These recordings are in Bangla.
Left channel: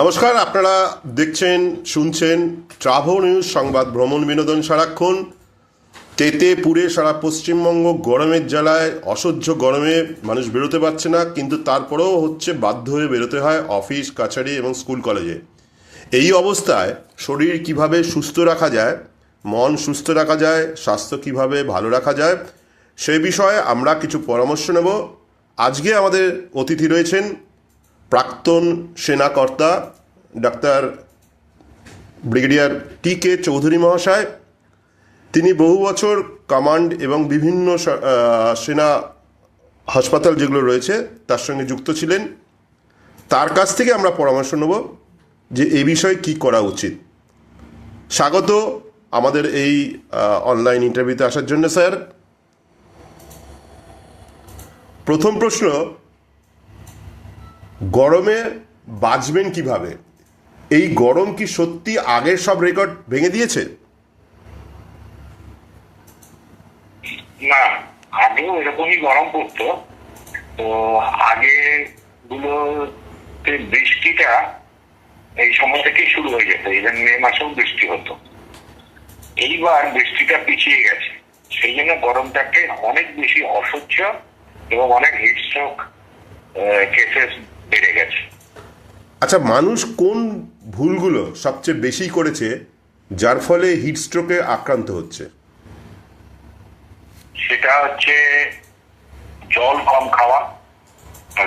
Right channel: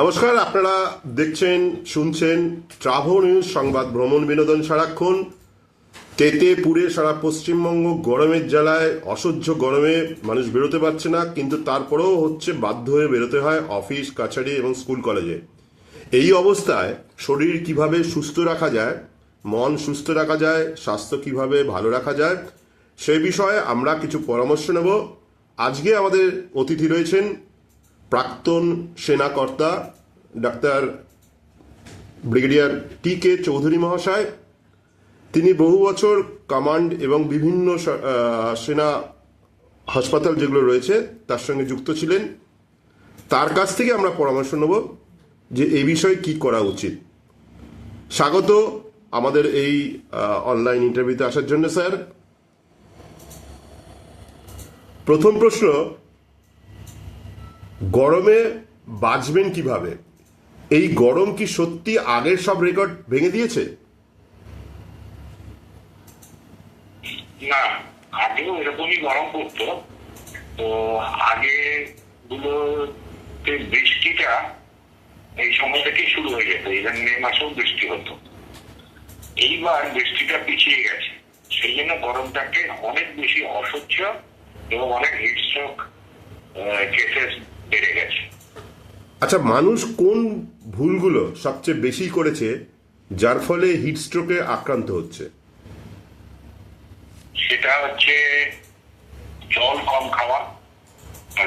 নমস্কার, আপনারা দেখছেন শুনছেন ট্রাভো নিউজ সংবাদ ভ্রমণ বিনোদন সারাক্ষণ। তেতে পুড়ে সারা পশ্চিমবঙ্গ গরমের জ্বালায়, অসহ্য গরমে মানুষ বেরোতে পারছে না, কিন্তু তারপরেও হচ্ছে বাধ্য হয়ে বেরোতে হয় অফিস কাছারি এবং স্কুল কলেজে। এই অবস্থায় শরীর কিভাবে সুস্থ রাখা যায়, মন সুস্থ রাখা যায়, স্বাস্থ্য কিভাবে ভালো রাখা যায়, সেই বিষয়ে আমরা কিছু পরামর্শ নেব। আজকে আমাদের অতিথি রয়েছেন প্রাক্তন সেনাকর্তা ডাক্তার ব্রিগেডিয়ার টি.কে. চৌধুরী মহাশয়। তিনি বহু বছর কমান্ড এবং বিভিন্ন সেনা হাসপাতাল যেগুলো রয়েছে তার সঙ্গে যুক্ত ছিলেন। তার কাছ থেকে আমরা পরামর্শ নেব যে এই বিষয়ে কী করা উচিত। স্বাগত আমাদের এই অনলাইন ইন্টারভিউতে আসার জন্য স্যার। প্রথম প্রশ্ন, গরমে বাঁচবেন কিভাবে? এই গরম কি সত্যি আগের সব রেকর্ড ভেঙে দিয়েছে? না, আগেও এরকমই গরম পড়তো। তো আগে গুলোতে বৃষ্টিটা এই সময় থেকেই শুরু হয়ে যেত, ইভেন মে মাসেও বৃষ্টি হতো। এইবার বৃষ্টিটা পিছিয়ে গেছে, সেই জন্য গরমটাকে অনেক বেশি অসহ্য এবং অনেক হিটস্ট্রোক কেসেস বেড়ে গেছে। আচ্ছা, মানুষ কোন ভুলগুলো সবচেয়ে বেশি করেছে যার ফলে হিটস্ট্রোকে আক্রান্ত হচ্ছে? সেটা হচ্ছে জল কম খাওয়া,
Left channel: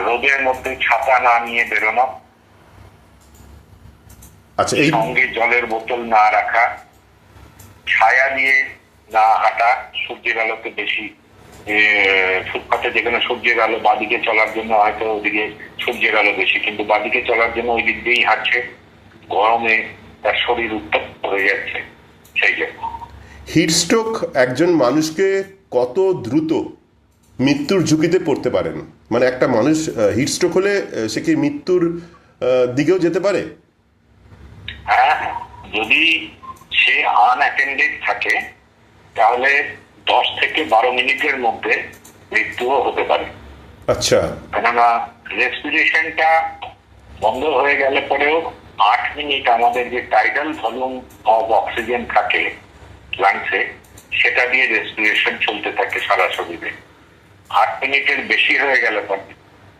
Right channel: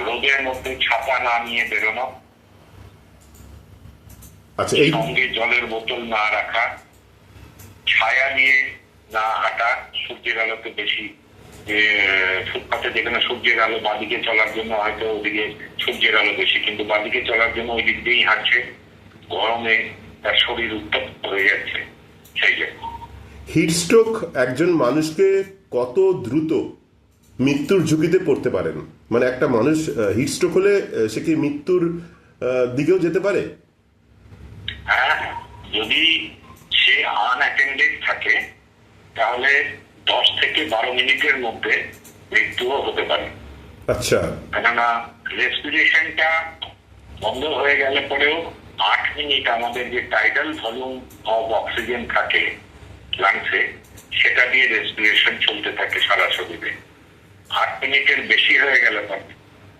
রোদের মধ্যে ছাতা না নিয়ে বেরোনো, আচ্ছা, এই সঙ্গে জলের বোতল না রাখা, ছায়া নিয়ে না হাঁটা, সূর্যের আলোতে বেশি ফুটপাতে যেখানে সূর্যের আলো বাদিকে চলার জন্য হয়তো ওদিকে সূর্যের আলো বেশি, কিন্তু বাদিকে চলার জন্য ওই দিক দিয়েই হাঁটছে, গরমে তার শরীর উত্তপ্ত হয়ে যাচ্ছে। সেই জন্য হিটস্ট্রোক একজন মানুষকে কত দ্রুত মৃত্যুর ঝুঁকিতে পড়তে পারেন? মানে একটা মানুষ হিটস্ট্রোক হলে সে কি মৃত্যুর দিকেও যেতে পারে? হ্যাঁ, যদি সে আনঅ্যাটেন্ডেড থাকে তাহলে 10 থেকে 12 মিনিটের মধ্যে মৃত্যুও হতে পারে। আচ্ছা, কেননা রেসপিরেশনটা বন্ধ হয়ে গেলে পরেও 8 মিনিট আমাদের যে টাইডাল ভলিউম অফ অক্সিজেন থাকে লাংসে, সেটা দিয়ে রেসপিরেশন চলতে থাকে সারা শরীরে। 8 মিনিটের বেশি হয়ে গেলে পরে,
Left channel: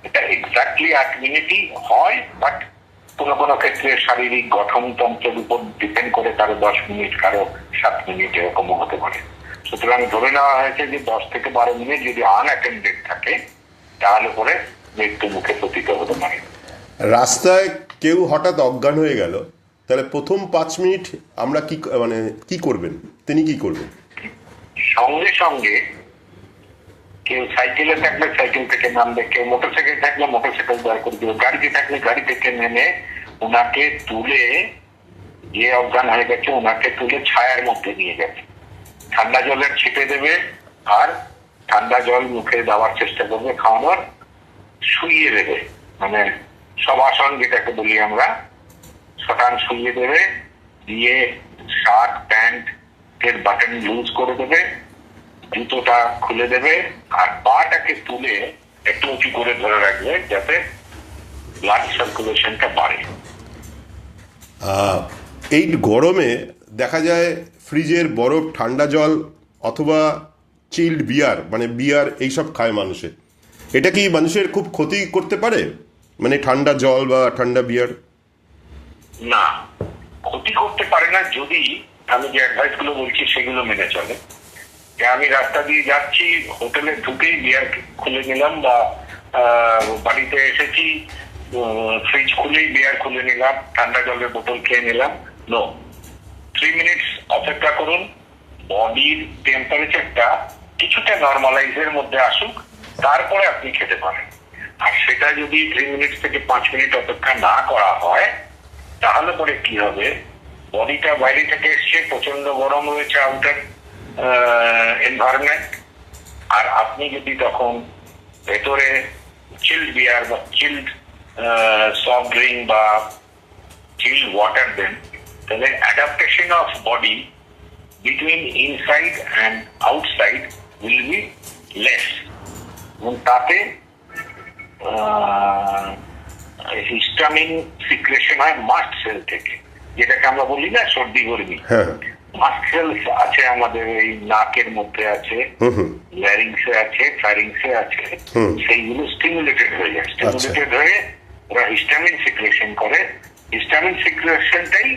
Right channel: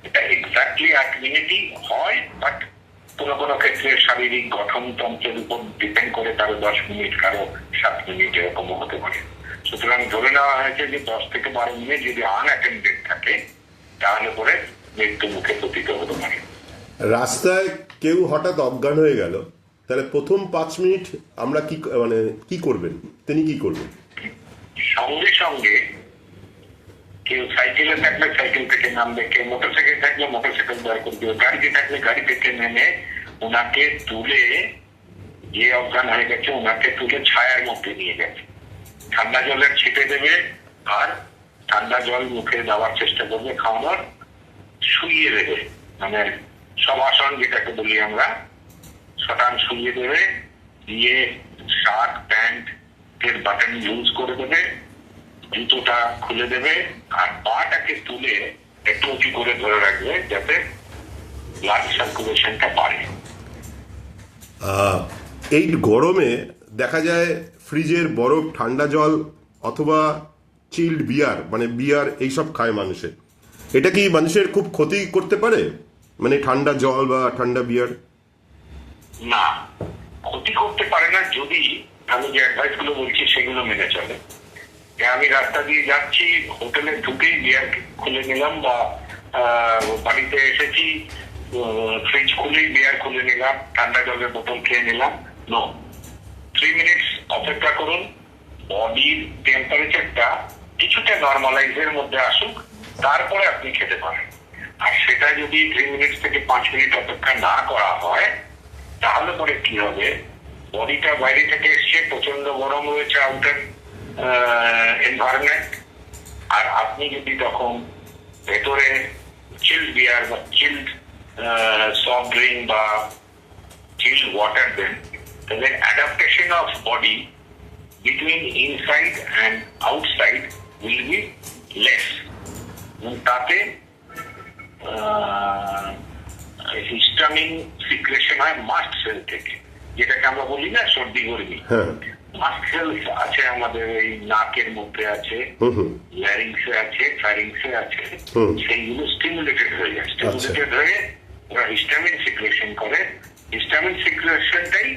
এটা এক্স্যাক্টলি 8 মিনিটই হয়, বাট কোনো কোনো ক্ষেত্রে শারীরিক গঠনতন্ত্রের উপর ডিপেন্ড করে কারো 10 মিনিট, কারো 7 মিনিট এরকমও হতে পারে। সুতরাং ধরে নেওয়া হয়েছে যে 10 থেকে 12 মিনিট যদি আনঅ্যাটেন্ডেড থাকে তাহলে পরে মৃত্যু মুখে পতিত হতে পারে। রাস্তায় কেউ হঠাৎ অজ্ঞান হয়ে গেল, তাহলে প্রথম 5 মিনিট আমরা কি করবেন? তিনি কি করবেন? সঙ্গে সঙ্গে কেউ সাইকেলে থাকলে সাইকেল থেকে নামবে, কেউ মোটরসাইকেল থাকলে মোটরসাইকেল বার করে দেবে, গাড়িতে থাকলে গাড়ি থেকে নেমে ওনাকে তুলে, যে অজ্ঞান হয়ে গেছে ওনাকে তুলে ছায়ার মধ্যে নিয়ে গেছে, ঠান্ডা জলের ছিটে দেবে আর ঠান্ডা জল মুখে দেওয়ার চেষ্টা করবে, খাওয়ানোর, শুইয়ে দেবে, মানে শবাসন যেটাকে বলি আমরা, শটান শুইয়ে দেবে, দিয়ে শার্ট প্যান্ট এর বাটন লুজ করে দেবে, জুতোটা খুলে দেবে আর পাটাকে তুলে একটু উঁচু করে ধরে রাখবে যাতে ব্লাড সার্কুলেশনটা বাড়ে। এই গরমে দেখা যায় ফ্রিজের বরফ, ঠান্ডা জল অথবা চিল্ড বিয়ার, মানে বিয়ার এইসব খায় মানুষে। এটা কি মানুষের খুব ক্ষতি করতে পারে, মানে ঠান্ডা জল বা ঠান্ডা বিয়ার? না, ক্ষতি করতে পারে না যদি আমি যে অ্যাডভাইস গুলো বলছি সেগুলো মেনে চলে। আমি রাস্তা দিয়ে যাচ্ছি, হোটেলে ঢুকেই বিয়ার খুলে নিলাম, বা বাড়িতে এসেছি ফ্রিজ খুলেই বিয়ার খুলে নিলাম, ঠান্ডা জলের বোতল খেয়ে নিলাম। নো, 3 মিনিটস অপেক্ষা করুন, বডির টেম্পারেচারটা কিছুটা নর্মালাইজের মধ্যে আসুক, তারপরে আপনি খেতে পারেন। আর সেটা যদি 3 মিনিট থেকে 5 মিনিট অপেক্ষা না করা হয় তাহলে পরে কি হবে, বডিটা বাইরে থেকে এসছে, প্রচন্ড গরম রয়েছে আউটার এনভায়রনমেন্ট, আর আপনি যদি তখন ভেতরে চিল্ড বিয়ার বা চিল্ড সফট ড্রিঙ্ক বা চিল্ড ওয়াটার দেন, তাহলে adaptation of body between inside and outside will be less, এবং তাতে হিস্টামিন সিক্রেশন হয় মাস্ট সেল থেকে, যেটাকে আমরা বলি না সর্দি গর্মি। হ্যাঁ। মাস্ট সেল আছে আমাদের এই নাকের মধ্যে আছে, ল্যারিংসে আছে, ফ্যারিংসে আছে, সেইগুলো স্টিমুলেটেড হয়ে যায়। স্টিমুলেটেড হয়ে ওরা হিস্টামিন সিক্রেশন করে। হিস্টামিন সিক্রেশনটাই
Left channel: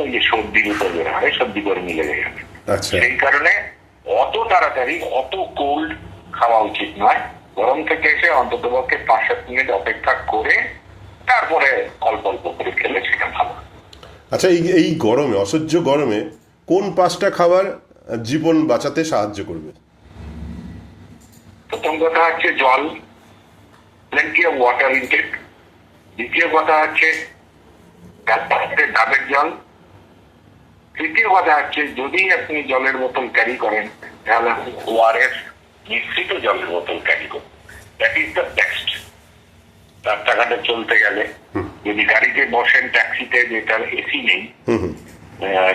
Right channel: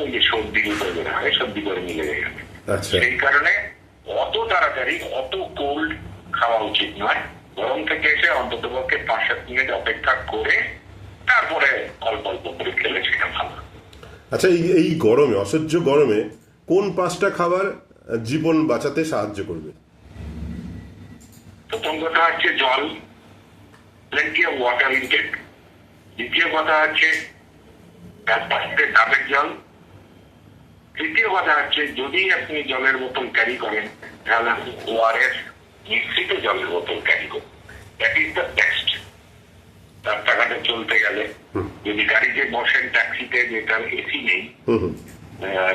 ওই যে সর্দির উপর বের হয়, সর্দি গরমি লেগে যাবে। আচ্ছা। সেই কারণে অত তাড়াতাড়ি অত কোল্ড খাওয়া উচিত নয়। গরম থেকে এসে অন্তত পক্ষে 5-7 মিনিট অপেক্ষা করে তারপরে অল্প অল্প করে খেলে সেটা ভালো। আচ্ছা, এই গরমে, অসহ্য গরমে কোন 5টা খাবার জীবন বাঁচাতে সাহায্য করবে? প্রথম কথা হচ্ছে জল, প্লেন্টি অফ ওয়াটার ইনটেক। দ্বিতীয় কথা হচ্ছে ডাবের জল। তৃতীয় কথা হচ্ছে যদি আপনি জলের বোতল ক্যারি করেন তাহলে আপনি ওআরএস মিশ্রিত জলের বোতল ক্যারি করুন। That is the best. রাস্তাঘাটে চলতে গেলে, যদি গাড়িতে বসেন, ট্যাক্সিতে যেটার এসি নেই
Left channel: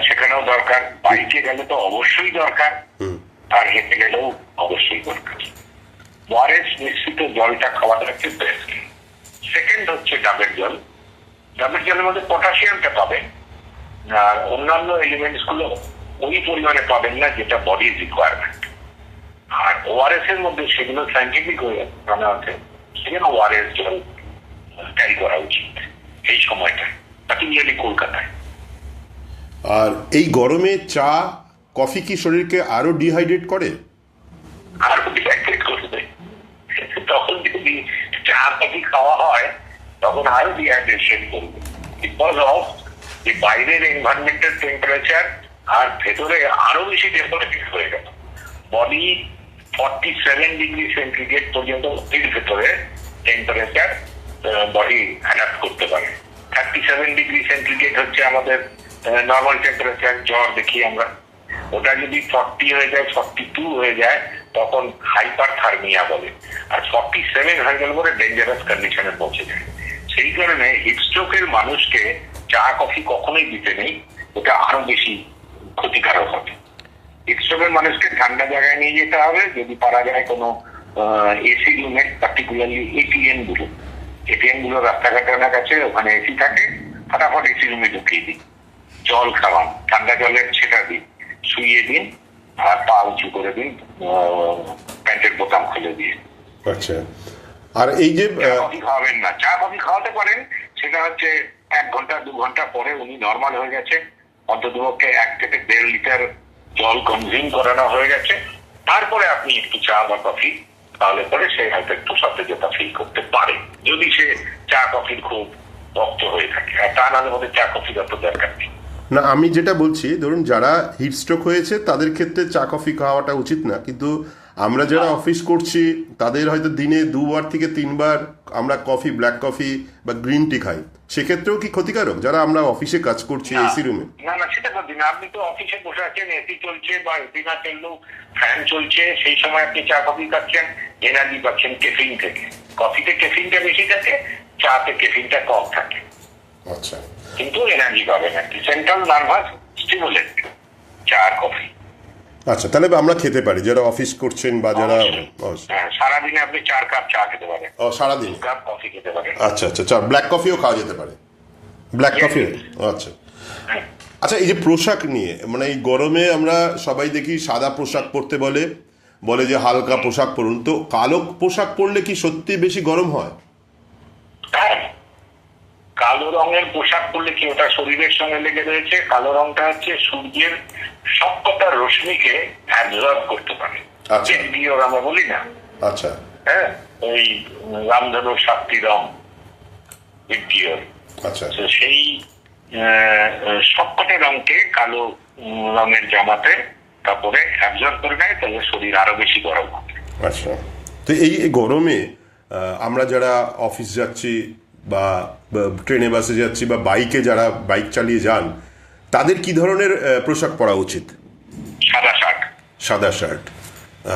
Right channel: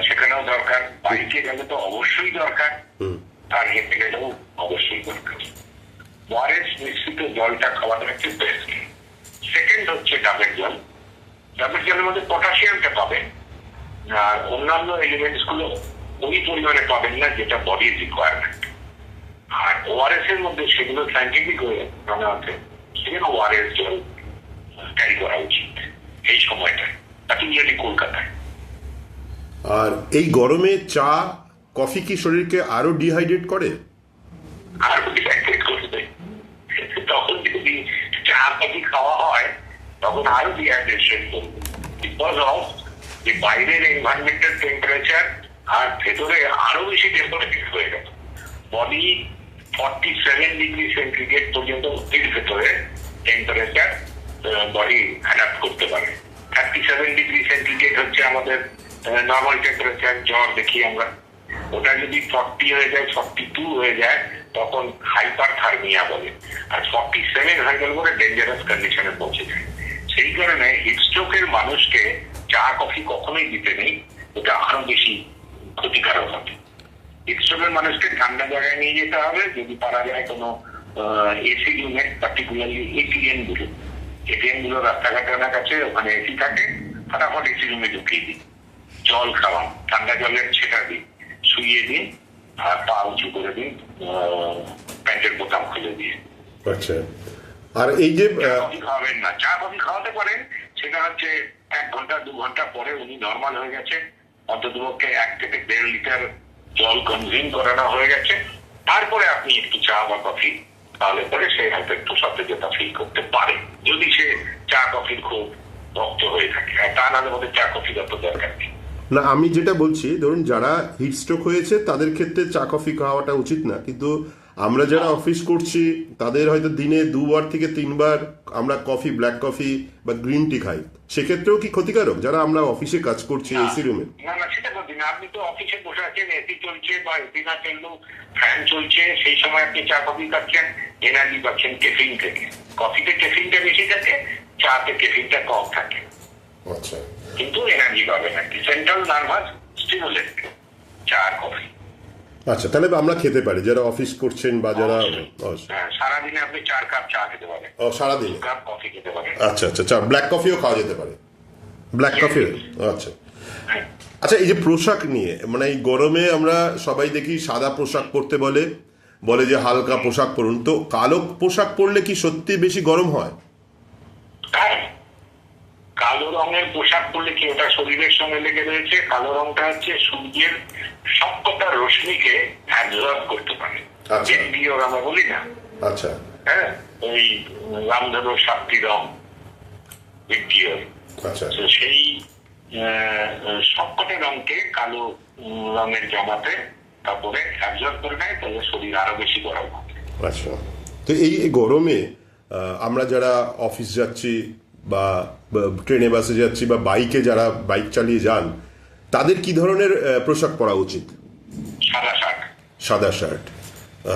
সেখানেও দরকার, বাইকে গেলে তো অবশ্যই দরকার, আর হেঁটে গেলেও অবশ্যই দরকার। ওআরএস মিশ্রিত জলটা খাওয়াটা হচ্ছে বেস্ট। সেকেন্ড হচ্ছে ডাবের জল। ডাবের জলের মধ্যে পটাশিয়ামটা পাবেন, আর অন্যান্য এলিমেন্টস গুলো ওই পরিমাণে পাবেন না যেটা বডির রিকোয়ারমেন্ট। আর ওআরএস এর মধ্যে সেগুলো সাইন্টিফিক হয়ে জানা আছে, সেখানে ওআরএস জল ক্যারি করা উচিত এই সময়টায়, পার্টিকুলারলি কলকাতায়। আর এই গরমে চা কফি কি শরীরকে আরো ডিহাইড্রেট করে? আর ডিহাইড্রেট করবে। তখন যদি চা কফি খাওয়া হয় তখন আরো ডিহাইড্রেশন করবে, বিকজ অফ যে বাইরের এনভায়রনমেন্টাল টেম্পারেচার আর ভেতরে আরো বেশি টেম্পারেচার হয়ে গেল। বডি 47 ডিগ্রি সেন্টিগ্রেড পর্যন্ত এর ভেতরে টেম্পারেচার বডি অ্যাডাপ্ট করতে পারে। 37 ডিগ্রি সেন্টিগ্রেড হচ্ছে আমাদের নর্মাল টেম্পারেচার, জ্বর দেখি আমরা। ওটা যদি 40 হয়ে যায়, 42 হয়ে যায়, তখন হাইপার থার্মিয়া বলে। আর 47 হয়ে গেলে পরে ডেঞ্জারাস কন্ডিশনে পৌঁছে যায়। সেই কারণে হিটস্ট্রোকের মানুষকে চা কফি কখনোই দিতে নেই, ওটা আরো বেশি ক্ষতিকারক হবে। হিটস্ট্রোকের মানুষকে ঠান্ডা জায়গায় নিয়ে যেতে হবে, যদি পারা যায় কোনো এসি রুমে, পার্টিকুলারলি এটিএম গুলো রাস্তাঘাটের কাছে, ওখানে এসি থাকে, ফটাফট এসি রুমে ঢুকিয়ে দিন, জল খাওয়ান, ঠান্ডা জলের ছেটা দিন, শুইয়ে দিন, আর পা উঁচু করে দিন, প্যান্টের বোতাম খুলে দিয়ে। আচ্ছা। আর এই যে চা কফি খাওয়াবেন না। চা কফি খাওয়াতে পারেন, সেটা হচ্ছে 1 ঘন্টা 2 ঘন্টা পরে উনি নর্মাল হয়ে গেছে, অন্ততপক্ষে 1 থেকে 1.5 লিটার জল কনজিউম করানো হয়ে গেছে, তারপরে আপনি একটু চা বা কফি, তাহলে পরে সে হয়তো একটু সতেজতা ফিল করতে পারে, যদি সে চা কফির খুব ভক্ত হয়ে থাকে। আর তা নাহলে মধ্যে চা কফির অত দরকার নেই। না, আমি যেটা বলছি, ধরুন যারা হিট স্ট্রোক হয়েছে তাদের ক্ষেত্রে চা কফি খাওয়াটা উচিত না, কিন্তু আমরা যারা অফিস করছি তাদের হয়তো দিনে 2 বার থেকে 3 বার আমরা কফি, ব্ল্যাক কফি বা গ্রিন টি খাই, সেক্ষেত্রেও কি ক্ষতিকারক যারা আমরা অফিসে কাজ করছি এসি রুমে? না না, সেটা করবেন না। আপনি তো অফিসে বসে আছেন, এসি চলছে বা এসি না চললেও ফ্যান চলছে, সেই সময় আপনি চা কফি খাচ্ছেন, এনার্জি পাচ্ছেন কেফিন থেকে। কফিতে কেফিনটা বেশি থাকে, চাতে কেফিনটা কম থাকে, আচ্ছা। কিন্তু এনার্জি পাবেন আর কি। সেন্ট্রাল নার্ভাস স্টিমুলেট চা কফি। আচ্ছা, তাহলে আমরা খেতে পারি যারা অফিস করছেন বা যারা সারাদিনে আপনি 4 কাপ চা খেতে পারেন, সারাদিন 2 কাপ কফি খেতে পারেন। আচ্ছা আচ্ছা, চা ব্ল্যাক কফিও খাওয়া যেতে পারে, ব্ল্যাক কফি। আচ্ছা আচ্ছা, এই যে পোশাক নিয়ে, মানে এই গরমে আমরা সবাই দেখি সাদা পোশাক পরতে বলে, বলে যে হালকা পোশাক পরুন, তো কালো পোশাক পরলে কি সত্যি বেশি গরম হয়? হ্যাঁ, কালো রঙের পোশাক পরলে কি ওটা শরীরের সঙ্গে লেগে রয়েছে। কালো রংটা হচ্ছে সূর্যের সবকটা রশ্মিকে অ্যাবজর্ব করতে পারে, জেন্ডিওর আমরা বলি না। আচ্ছা। হ্যাঁ, ওই রামধনুর 7টি রং জেন্ডিওর। আচ্ছা। সেই সবকটা রংকে কালো রঙের জামাতে কাপড়ে অ্যাবজর্ব করে নেয়, তাহলে শরীর আরো বেশি গরম হবে। আচ্ছা, তো এই গরমে আমরা যারা অফিস যাচ্ছি বা ট্রেনে বাসে যাচ্ছি বা বাইকে যারা বাইক চালিয়ে যান, তাদের কি ধরনের পোশাক পরা উচিত? সাদা শার্ট। সাদা শার্ট।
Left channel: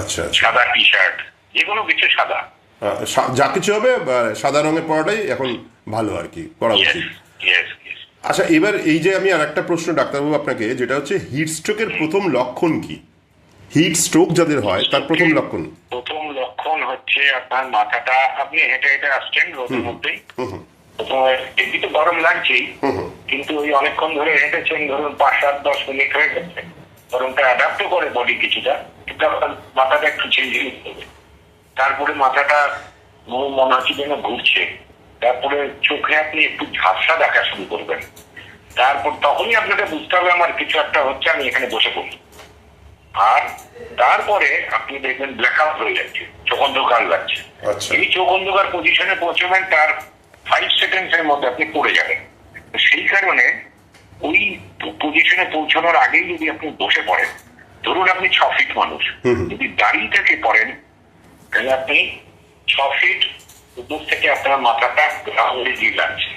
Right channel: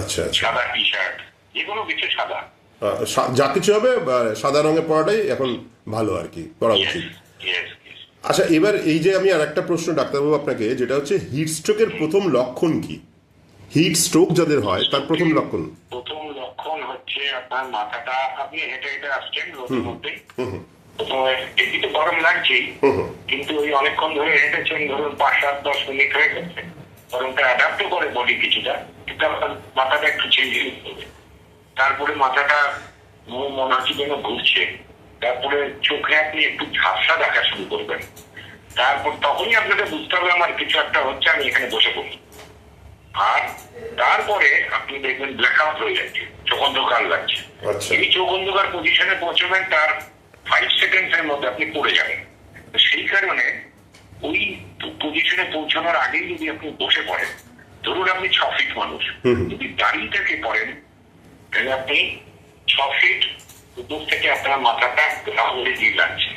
আচ্ছা। সাদা টি শার্ট, যেকোনো কিছু সাদা, যা কিছু হবে সাদা রঙে পরাটাই এখন ভালো আর কি, পরা উচিত। আচ্ছা, এবার এই যে আমি আর একটা প্রশ্ন ডাক্তারবাবু আপনাকে, যেটা হচ্ছে হিট স্ট্রোকের প্রথম লক্ষণ কি? হিট স্ট্রোক যাদের হয় তার প্রথম লক্ষণ হচ্ছে আপনার মাথাটা, আপনি হেঁটে হেঁটে আসছেন রোদের মধ্যেই, এটি তো গরম লাগছেই, কিন্তু ওই অনেকক্ষণ ধরে হেঁটেছেন, ধরুন 5-7-10 মিনিট হয়ে গেছে, গরমটা অ্যাডাপ্টও করে বডি কিছুটা, কিন্তু আপনার মাথাটা একটু চেঞ্জ হবে। তারপরে মাথাটা মনে হচ্ছে যেন ঘুরছে, তারপরে চোখে আপনি একটু ঝাপসা দেখা শুরু করবেন। তারপর তখনই আপনাকে বুঝতে হবে আমার কিছু একটা হচ্ছে, আমি এখানে বসে পড়ি। আর তারপরে আপনি দেখবেন ব্ল্যাক আউট হয়ে যাচ্ছে, চোখ অন্ধকার লাগছে। এই চোখ অন্ধকার পজিশনে পৌঁছবেন, তার 5 সেকেন্ডের মধ্যে আপনি পড়ে যাবেন। সেই কারণে ওই পজিশনে পৌঁছানোর আগেই যদি আপনি বসে পড়েন, ধরুন আপনি 6 ফিট মানুষ, যদি দাঁড়িয়ে থেকে পড়েন তাহলে আপনি 6 ফিট উপর থেকে আপনার মাথাটা দিয়ে লাগছে।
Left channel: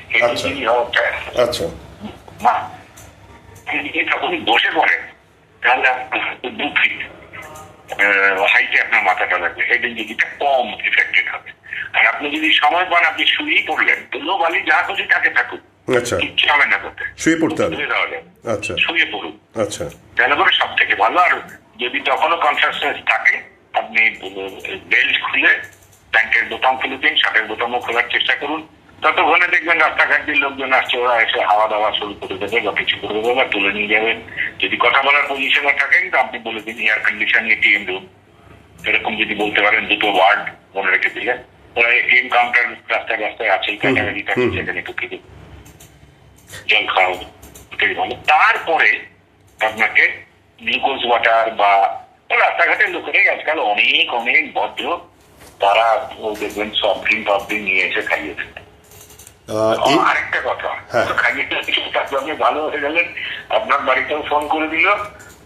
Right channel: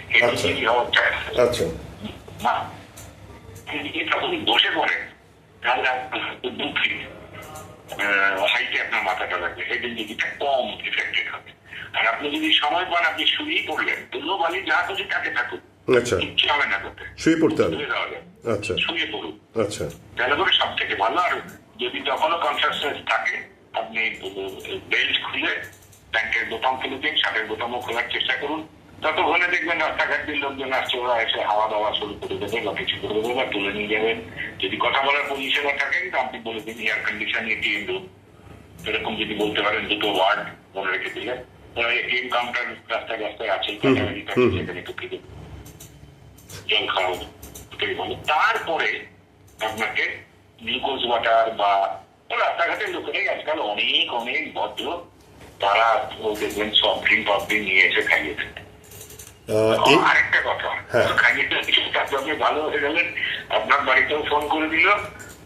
যখন বসে পড়েন তাহলে আপনার 2 ফিট হাইটে আপনার মাথাটা লাগবে, হেড ইঞ্জুরিটা কম এফেক্টেড হবে। আর আপনি যদি সময় পান, আপনি শুয়েই পড়লেন, ধুলো বালি যা খুশি তাকে থাকুক, কিচ্ছু হবে না করতে, শুয়ে পড়তে হবে, শুয়ে পড়ুন, তাহলে করে সব থেকে ভালো। আর যদি তখনও কনসাসনেস থাকে, আপনি বেল্ট খুলে ব্যাংকের বোতাম খুলে দিন, শার্টের বোতামও খোলার চেষ্টা করুন। ততক্ষণে দেখবেন রাস্তাঘাট দিয়ে লোকজন আসছে, ওরা এসে হাওয়া দাওয়া শুরু করে দেবে বা কিছু করে দেবে বা তুলে নিয়ে যাবেন। যদি কথা বলার পজিশনে থাকেন তো আপনি বলে দিন এয়ার কন্ডিশন এটিএম রুম, এরকম যদি বলতে পারেন 2টো ওয়ার্ড মনে রেখে দিলেন। ওরা এটিএম কাউন্টার রাস্তায় রাস্তায় আছেই, সেখানে ঢুকে দিন, জল খাও, ওটাই ভালো। তারপরে আপনাকে গ্লুকোজ ওয়াটার বা রাস্তাঘাটের লোকেরাই আজকাল অনেক অনেক ভদ্র, তারা দেখবেন সফট ড্রিঙ্ক নিয়ে এসে খাইয়ে দেন। আরেকটা কথা, খাইয়ে আপনি ভালো হয়ে গেলেন, আপনার বাড়িতেও ফোন করে দিল,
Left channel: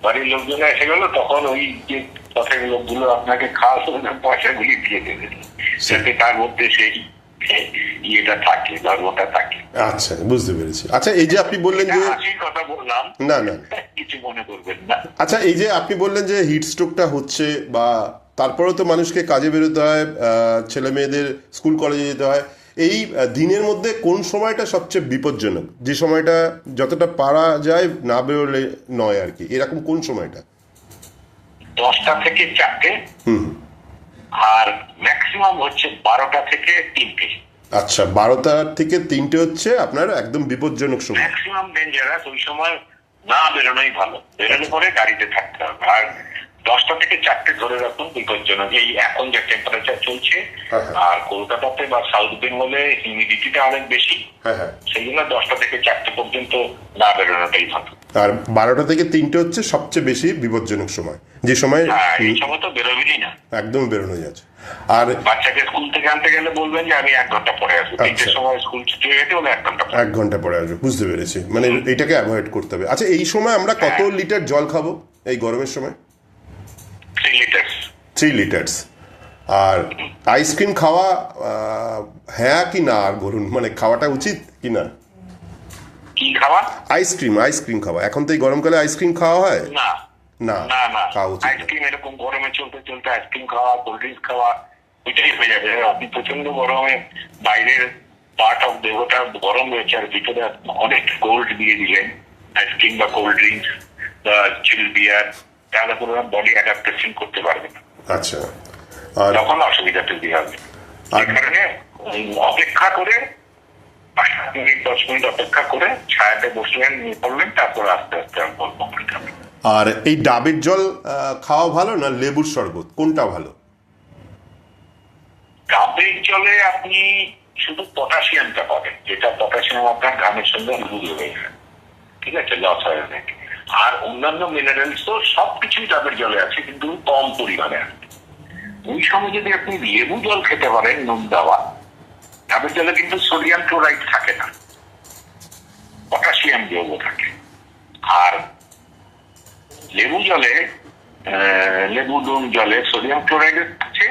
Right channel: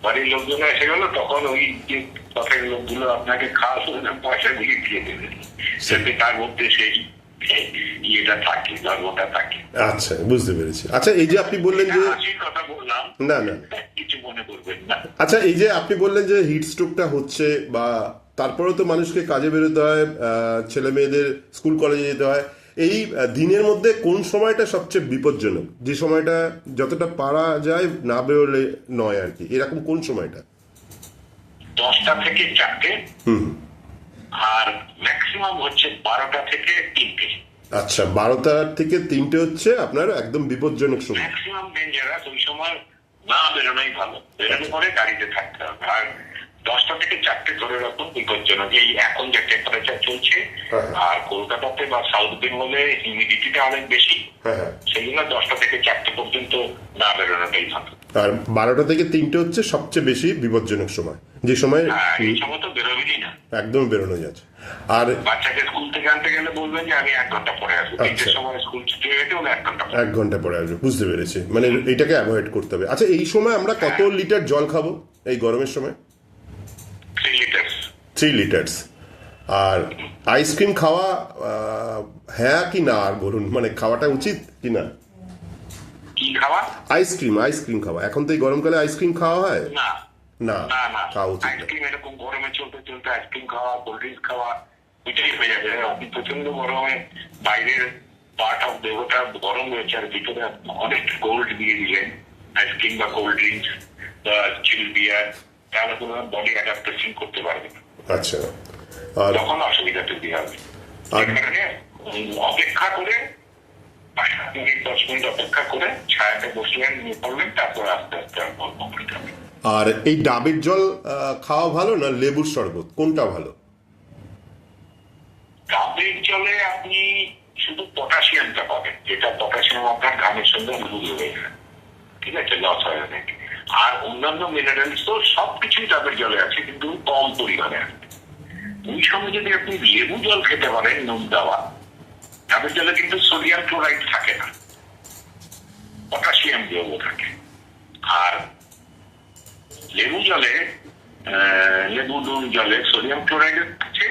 বাড়ির লোকজন এসে গেল, তখন ওই যে পথের লোকগুলো আপনাকে খাওয়া পয়সা গুলি দিয়ে দেবে, যাতে তার মধ্যে সেই ইয়েটা থাকে, ধর্মটা থাকে। আচ্ছা, বুঝতে পেরেছি। আচ্ছা, এই যে আপনি বললেন যে কথা বললাম, না কিছু মনে করবেন না। আচ্ছা, এই যে আপনি বললেন যে হিট স্ট্রোকটা হচ্ছে, বা তারপরেও তো মানুষকে কাজে বেরোতে হয়, ছেলে মেয়েদের স্কুল কলেজে যেতে হয়, এই দিনের মধ্যে কোন সময়টা সবচেয়ে বিপজ্জনক, যে সময়টা যতটা পারা যায় না বেরোলে নয় আর কি, এরকম কোন সময়টা? 10টা থেকে 4টে, আর ম্যাক্সিমাম হচ্ছে 12টা থেকে 3টে। আচ্ছা, 12টা থেকে 3টে হচ্ছে আপনার একদম বিপজ্জনক সময়, ম্যাক্সিমাম ডেঞ্জারাস। ওই সময় না বেরোনোই ভালো, বেরোলে পরে গাড়িতে থাকতে হবে। আর 10টা থেকে 4টে ধরে রাখুন বিপজ্জনক। এই এখন যে টেম্পারেচার চলছে, আর কলকাতাতে বা সাউথ বেঙ্গলে হিউমিডিটিটা অনেক বেশি, সেই জন্য 10টা থেকে 4টে পর্যন্ত না বেরোনোটাই ভালো। আর 12টা থেকে 3টে হচ্ছে সবচেয়ে বেশি বিপজ্জনক সময়, যে সময় এই সময় তো বেরোবেনই না, একদম বেরোনো যাচ্ছে। আর বাচ্চাকে স্কুল থেকে আনতে গেলে বলবেন যে আমি 1 ঘন্টা পরে আসবো, 3টের সময় স্কুল ছুটি হয়ে গেছে, 1 ঘন্টা পরে আসবে। বুঝতে পেরেছি, মানে এটাকে অ্যাভয়েড করতে হবে। আচ্ছা, এই সময় আমরা কত লিটার জল খাবো এই গরমের সময়? 3 লিটার। আর আইসক্রিম খাওয়া হ্যাঁ কি না, আর বলুন, মানে খাওয়াটা উচিত কি না? কি খাওয়া? আইসক্রিম খাওয়া। এখন তো এই গরমকালে আইসক্রিম খাওয়া হয় না, খাওয়া উচিত। আইসক্রিম এরকম গরমে চলতে চলতে আইসক্রিম খাওয়া, কোল্ড ড্রিঙ্কস খাওয়া, ওইটাই হয়ে যাবে। আপনি প্রচন্ড গরমে বাইরের পার্ট অফ দেহটা গরম রয়েছে, আর ভিতরে অনেক কোল্ড দিয়ে দিলেন আইসক্রিম বা কোল্ড ড্রিঙ্কস বা চিল বিয়ার, তাহলে পুরো বডি অ্যাডাপ্টেশন করতে পারবে না। আচ্ছা, তখন অসুবিধা তৈরি হবে। এই কারণে অপেক্ষা করে 5 মিনিট 10 মিনিট অপেক্ষা করে ছায়াতে বসলেন, নিয়ে পড়লেন, তারপর আস্তে আস্তে গল্প করতে হবে। আর এই ডাবের জল খাওয়া ভালো না লেবুর শরবত, কোনটা ভালো? ডাবের জলে আপনি শুধু পটাশিয়ামটা পাবেন, যেটা পটাশিয়াম আপনার ঘামের সঙ্গে মিল হয়ে যায়, ঠিক আছে, লস হয় অনেক। আর অন্যান্য মিনারেলস তো সবকিছুই ডাবের জলে আছে, কিন্তু কম পরিমাণে আছে। ওই সময় যদি আপনি লেবু জল খেতে পারেন, নুন দেওয়া, ডাবের জলে কিন্তু সোডিয়াম ক্লোরাইড থাকে না, পটাশিয়াম যৌগ থাকে। আর লেবু জলে, লেবু নুন জলে সোডিয়াম ক্লোরাইড থাকছে,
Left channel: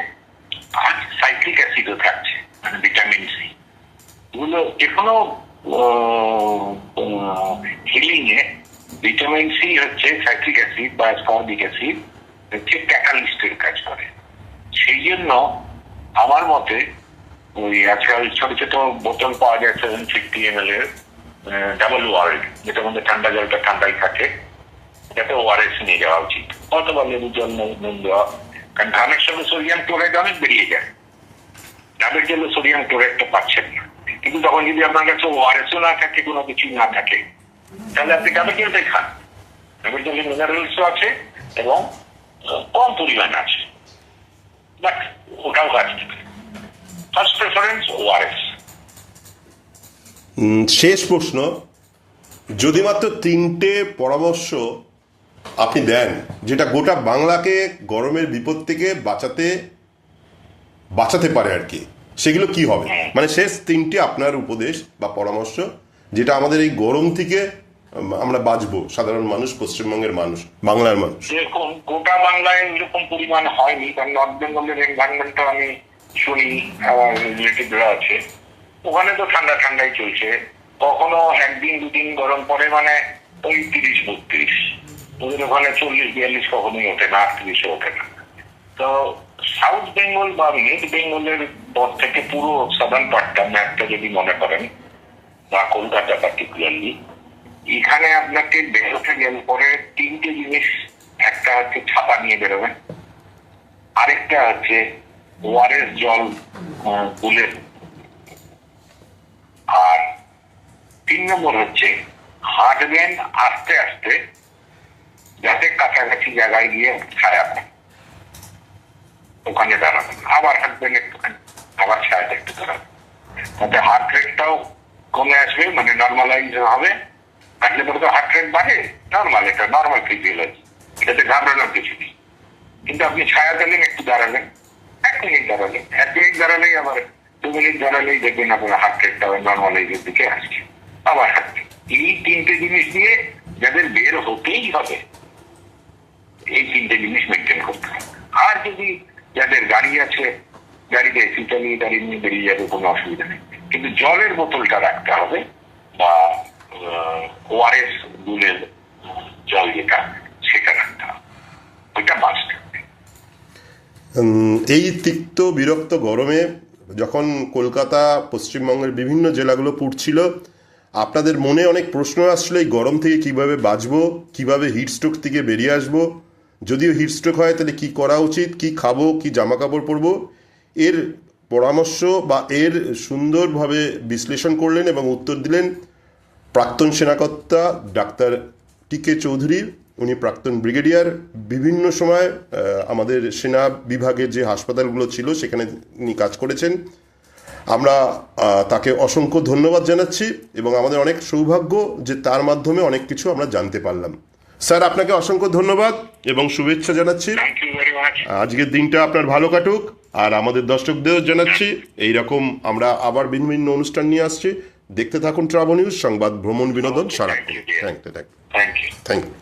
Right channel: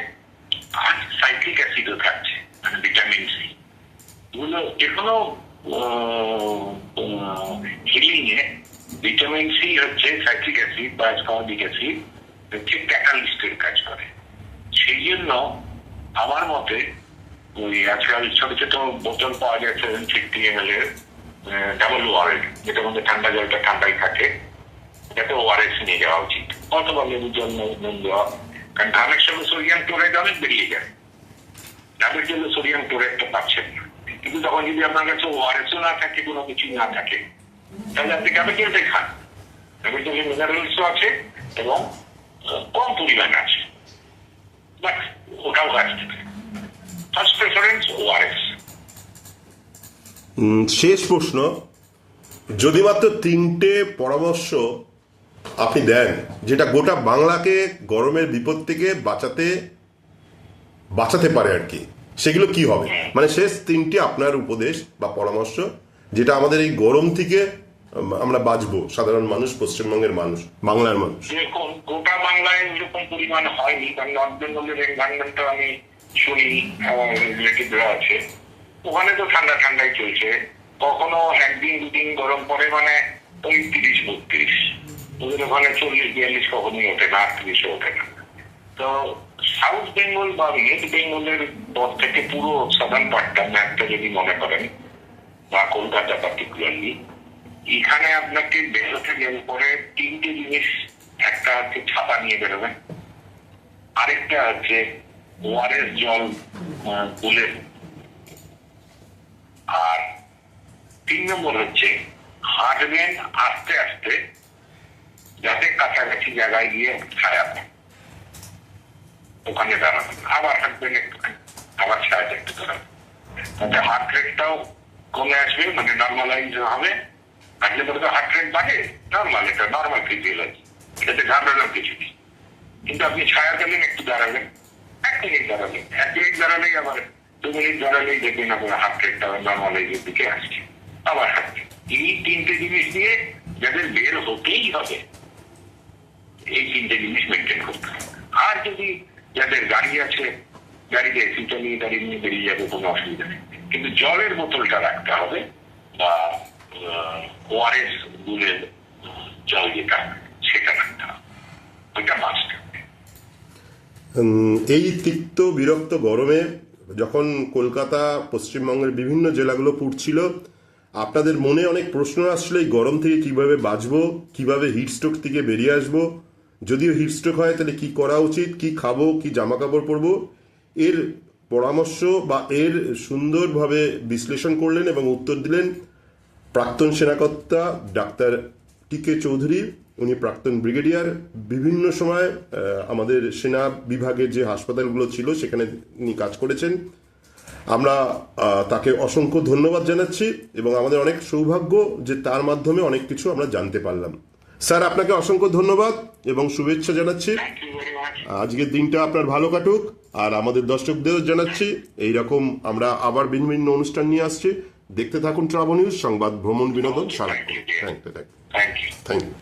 আর সাইট্রিক অ্যাসিডও থাকছে, মানে ভিটামিন সি। এগুলো যে কোনো হিলিং এ ভিটামিন সি হচ্ছে সাইট্রিক অ্যাসিড বা অ্যাসকর্বিক অ্যাসিড হচ্ছে ক্যাটালিস্টের কাজ করে। সেই জন্য আমার মতে ওই আজকাল ছোট ছোট বোতল পাওয়া যায় 750 ml এর, ডাবল ওয়ার্ল্ড, যেটার মধ্যে ঠান্ডা জলটা ঠান্ডাই থাকে, যাতে ওআরএস নিয়ে যাওয়া উচিত, অথবা লেবু জল নুন দেওয়া। কারণ ঘামের সঙ্গে সোডিয়াম ক্লোরাইড অনেক বেরিয়ে যায়, ডাবের জলে সোডিয়াম ক্লোরাইডটা পাচ্ছেন না, কিন্তু তখন যদি আপনার কাছে ওআরএসও না থাকে, কোনো কিছু না থাকে, তাহলে আপনি ক্যাপিটালটাই খান। ক্যাপিটালে মিনারেলসও আছে এবং কম পরিমাণ আছে, বাট ওটাও কাজ। First preference ORS. শেষ প্রশ্ন, যদি মাত্র 3টে পরামর্শ আপনি দেন যেটা গোটা বাংলাকে গরমের বিপদ থেকে বাঁচাতে পারে আর কি, সেগুলো কি হবে? মানে শেষ 3টে আপনার উপদেশ বা পরামর্শ যেটা আমাদের এই গরম থেকে আমরা বাঁচবো, সাধারণ মানুষ, পশ্চিমবঙ্গের মানুষ, বাংলার মানুষ। যেরকম গোটা বাংলায় এরকম পরিমাণ হয়নি, কারণ নর্থ বেঙ্গলের এনভায়রনমেন্টটা আমি শুনি, আমার রিলেটিভরা আছে, ওখানে তো ঠান্ডাই চলছে। কখনো একদিন দুদিন গরম পড়ে, মানে ওই 30-32, ওদের ওখানে 40-42 কখনোই ওঠে না, 38 ওঠে না। তো সাউথ বেঙ্গল বা মিড বেঙ্গলের পর থেকে পুরো সাদার্ন পার্টটা ম্যাপটা যদি মনে করেন, বা কলকাতা পার্টিকুলারলি, এখানে আপনাকে বেরোতে গেলে পরে 3টে জিনিস, একটা হচ্ছে ছাতা নিয়ে বেরোবেন, আরেকটা হচ্ছে ওআরএস জল গুলে, আর 3 নম্বর হচ্ছে হাঁটবেন আস্তে আস্তে, যাতে কাছাকাছি জায়গায় গিয়ে ছায়া পান, ওখানে দাঁড়াবেন, আবার হাঁটবেন একটুখানি, আবার ছায়াটা একটু দাঁড়াবেন, তাতে হার্ট রেটটাও কমে আসবে, মানে নর্মালাইজ হবে। হাঁটলে পরে তো হার্ট রেট বাড়ে, নর্মাল, এটা নর্মাল ফিজিওলজি, এটাতে ঘাবড়ানোর কিছু নেই। কিন্তু আপনি ছায়া পেলেন, একটু দাঁড়ালেন, 1 মিনিট দাঁড়ালেন, 1 মিনিট দাঁড়ালেই, আবার 2 মিনিট দাঁড়ালেই দেখবেন আপনার হার্ট রেটটা নর্মালাইজের দিকে আসছে, আবার হাঁটবেন। এই 3টে জিনিস দিয়ে যাদের বের হতেই হবে, এই 3টে জিনিস মেনটেন করতে হবে। আর যদি যাদের গাড়ি আছে, গাড়িতে এসি চালিয়ে দাঁড়িয়ে নিয়ে বেরিয়ে যাবে, কোনো অসুবিধা নেই, কিন্তু জলের বোতলটা রাখতে হবে, বা ওআরএস গুলের জল যেটা, সেটা রাখতে হবে, ওইটা বাঁচতে হবে। এই তিক্ত বিরক্ত গরমে যখন কলকাতা, পশ্চিমবঙ্গের বিভিন্ন জেলাগুলো পুড়ছিল, আপনাদের মনে অনেক প্রশ্ন আসছিল এই গরম থেকে কিভাবে বাঁচবো, কিভাবে হিটস্ট্রোক থেকে বেরিয়ে আসবো, যদিও হিটস্ট্রোক হয় তাহলে কি করা উচিত, কি খাবো, কি জামা কাপড় পরবো, এর পরামর্শ বা এর সুন্দরভাবে বিশ্লেষণ করলেন এবং উত্তর দিলেন প্রাক্তন সেনাকর্তা ডাক্তার টি.কে. চৌধুরী। উনি প্রাক্তন ব্রিগেডিয়ার, বিভিন্ন সময় আমাদের সেনা বিভাগের যে হাসপাতালগুলো ছিল সেখানে উনি কাজ করেছেন। আমরা তাকে অসংখ্য ধন্যবাদ জানাচ্ছি এবং আমাদের অনেক সৌভাগ্য যে তার মাধ্যমে অনেক কিছু আমরা জানতে পারলাম। স্যার, আপনাকে অসংখ্য ধন্যবাদ এবং শুভেচ্ছা জানাচ্ছি। আজকের দিনটা আপনার ভালো কাটুক, আর আমাদের দর্শকদেরও জানাচ্ছি এইরকম আমরা আবার বিভিন্ন অনুষ্ঠান নিয়ে আসছি। দেখতে থাকুন ট্রাভেল নিউজ, সংবাদ, ভ্রমণ, বিনোদন সারাক্ষণ। Thank you.